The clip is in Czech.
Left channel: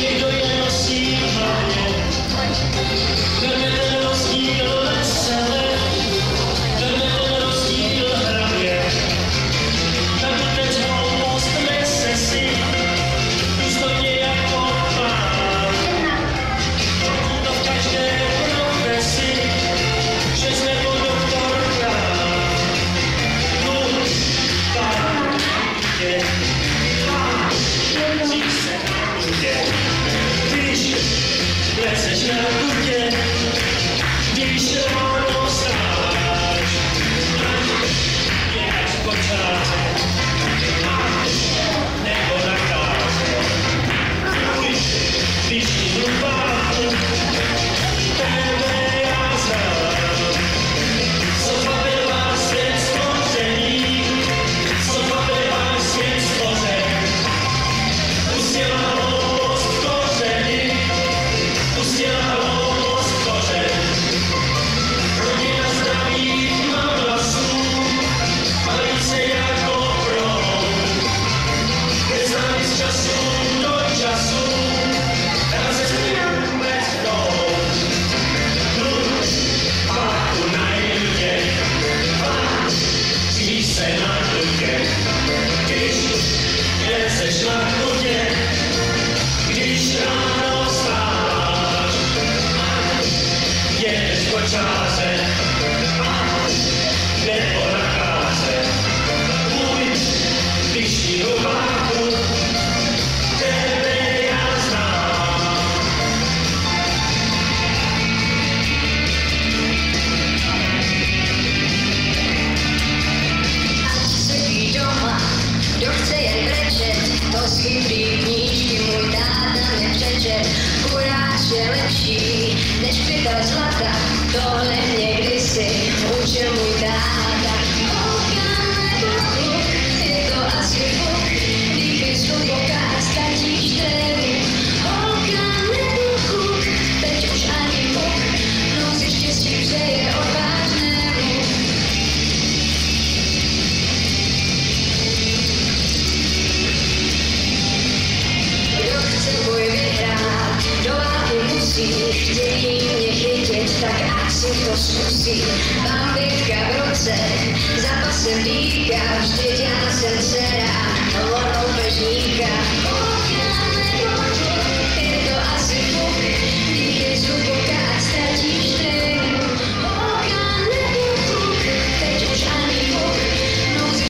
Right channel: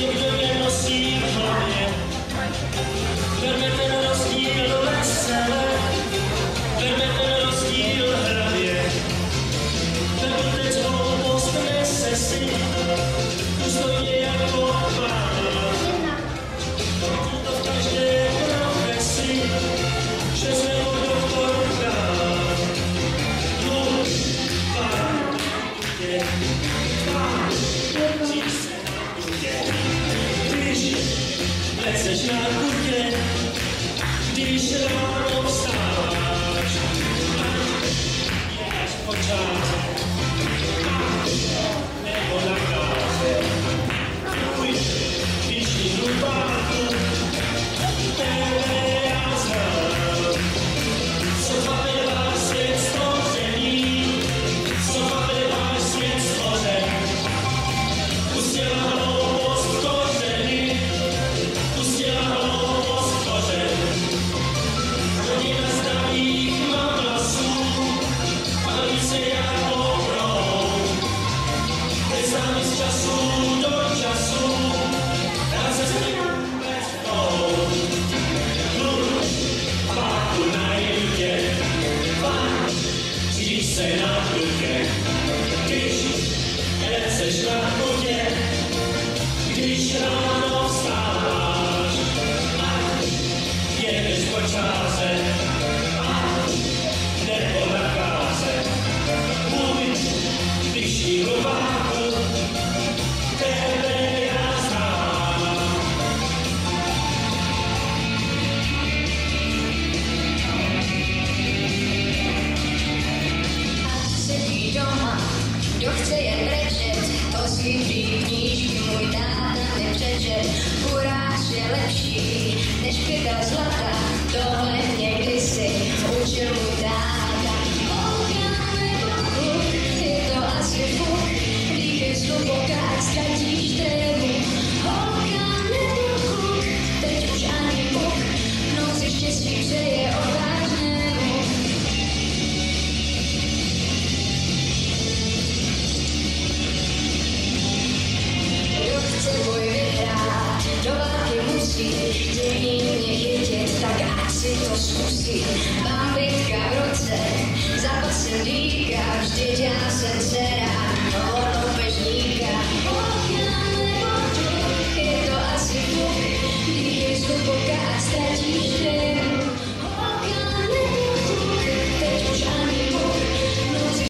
někdo je nosí v hlavě. Berme ten rozdíl vesele, berme ten rozdíl hravě. Berme teď hloupost nese si, důstojně jako pán. To v každé profesi, že jsme po doktorkách. Dluh, pán, je, pán, dřív se kutě, když leceš na kutě, když ráno vstáváš, je až počátek, nebo na káře. Když ti dubáku, tebe já znám, co bavila svět stvoření, co bavila svět stvoření. Pustila hloupost kořeny, pustila hloupost kořeny. Rodina zdravých má vlasů, balí se jako proud. Je s námi z času do času, razestujeme proud. Dluh, páku najdu tě, pán, dřív se na kutě, když leceš na kutě, když ráno vstáváš, jedeš po čáře, nebo na káře. Můj, když ti rubáku, tebe já znám. Ať sedí doma, kdo chce jen brečet, to si prý knížky můj táta nepřečet. Kuráč je lepší než pytel zlata, tohle mě kdysi učil můj táta. Je to asi fuk, když jsou dokáč ztratíš trému. Holka nebuchuk, teď už ani puk, noci štěstí přeje odvážnému. Kdo chce boj vyhrát, do války musí, chtějí mě chytit, tak ať si to zkusí.